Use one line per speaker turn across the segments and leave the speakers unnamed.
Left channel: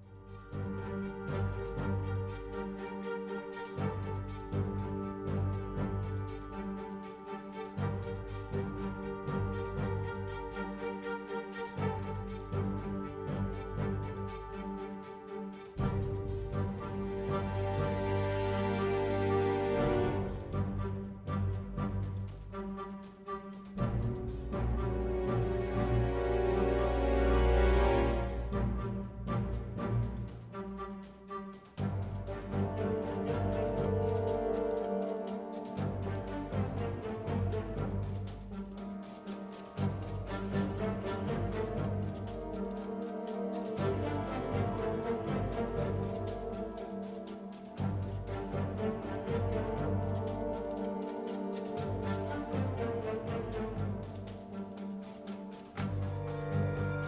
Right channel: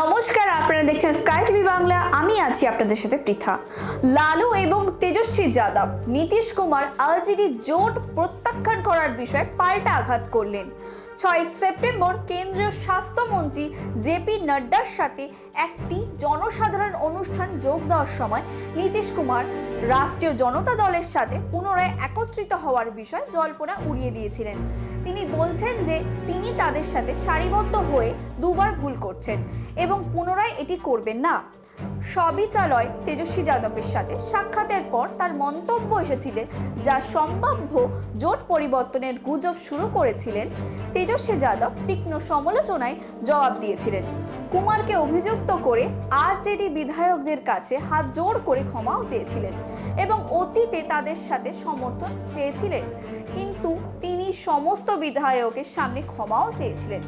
নমস্কার, আপনারা দেখছেন স্কাই টিভি বাংলা। আমি আছি আপনাদের সাথে পৃথা। লালু এবং তেজস্বী যাদব, নীতিশ কুমার, আলজেডি জোট প্রত্যাখ্যান করার বিষয়ে পাল্টা আঘাত করলেন। ছয় সেপ্টেম্বর কেন্দ্রীয় স্বাস্থ্যমন্ত্রী জেপি নাড্ডার সাথে একটি জনসাধারণ অনুষ্ঠান যোগ দেওয়ার সময় নীতিশ কুমার রাষ্ট্রীয় জনতা দলের সাথে পুনরায় একত্রিত হওয়ার বিষয়ে জল্পনা উড়িয়ে দিয়েছিলেন। তিনি বলছেন যে তিনি তাদের সাথে সারিবদ্ধ হয়ে দুবার ভুল করছেন এবং পুনরায় এটি করবেন না। সবই চালয় তেজস্বী যাদবের সাথে সাক্ষাতের পর তার মন্তব্য এসেছিল যা সম্ভাব্য জোট পরিবর্তনের গুজব শুরু করেছিলেন তেজস্বী যাদব তীক্ষ্ণ সমালোচনায় জবাব দিয়েছিলেন। কুমারকে অভিযুক্ত করে আরজেডি বিধায়কদের কাছে হাত জোড় করে ক্ষমাও চেয়েছিলেন এবং অতীতে তাদের সাথে সমর্থন চেয়েছিলেন। সমস্ত বিধায়কের সামনে ক্ষমাও চেয়েছিলেন।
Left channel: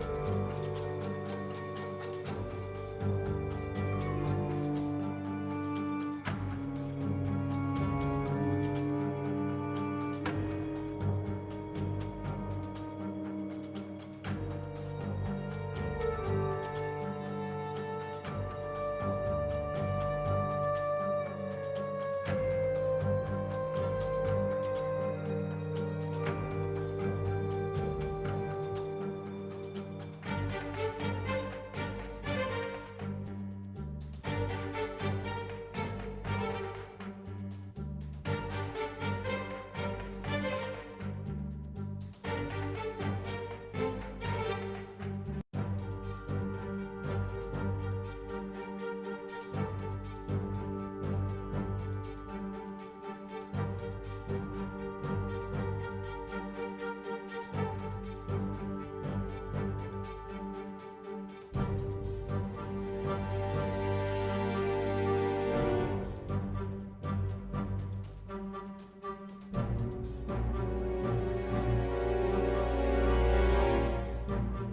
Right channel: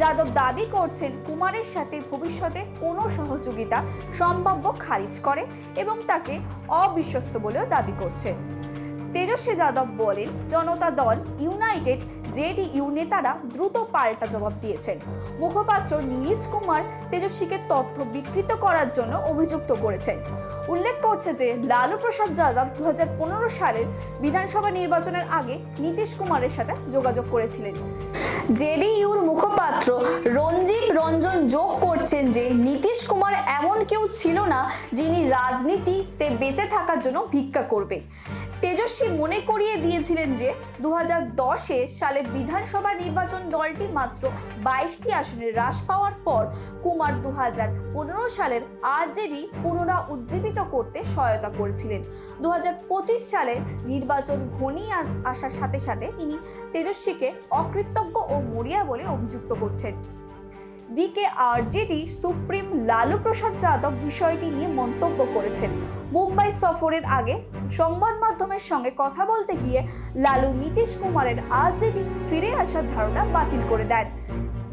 যাদব দাবি করছেন, কুমারের সাথে ভবিষ্যতে কোনো সহযোগিতা সম্ভাব্য খারিজ করে এবং তাকে অবিশ্বস্ত বলেও দাবি করছেন। তেজস্বী যাদব বলেন, জনতা দল ইউনাইটেড জেডিইউ নেতারা দ্রুত পাল্টা জবাব দিয়েছেন। মুখপাত্র নীরজ কুমার তেজস্বীকে তথ্য বিকৃত করার জন্য অভিযুক্ত করেছেন। উল্লেখ করছে যে, লালু প্রসাদ যাদব দুই হাজার পনেরো সালের বিধানসভা নির্বাচনের আগে নীতিশ কুমারের সাথে যোগাযোগ করেছিলেন। জেডিইউর মুখপাত্র রঞ্জিত রঞ্জন যোগ করছেন যে নীতিশ কুমার এমন কেউ ছিল না যিনি রাজনীতিতে বেঁচে থাকার জন্য ভিক্ষা করবে। তেজস্বী মনে করিয়ে দিয়েছিলেন যে দু দশে সালের বিধানসভা নির্বাচন দলটি মাত্র বাইশটি আসনে হ্রাস পাওয়ার পর কুমার দু পনেরো সালের আরজেডি পুনরা উজ্জীবিত করতে সহায়তা করেছিলেন। দু সালে নির্বাচন ঘনিয়ে আস- আসার সাথে সাথে তিনি তেজস্বীকে অকৃতজ্ঞ ও মরিয়া বলে অভিযুক্ত করছেন। দিকে আরজেডি সুপ্রিম লালু প্রসাদ যাদব বিষয়টি নিয়ে মন্তব্য করেছেন। মুম্বাই সফরের আগে সংবাদ মাধ্যমের সঙ্গে কথা বলতে গিয়ে লালু নীতিশ কুমারের আরজেডি ফিরে আসার ধারণা বাতিল করে দেন।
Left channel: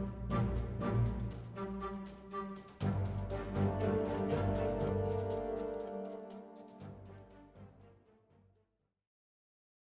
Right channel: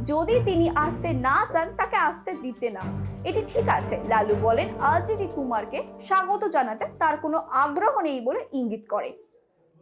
যদি তিনি আসতে না চান, তাকে আসতে দিতে না। এটি ঠিক আছে, লালু বলেন, আরজেডি কুমারকে স্বাগত জানাতে তার কোনো আগ্রহ নেই বলে ইঙ্গিত করে।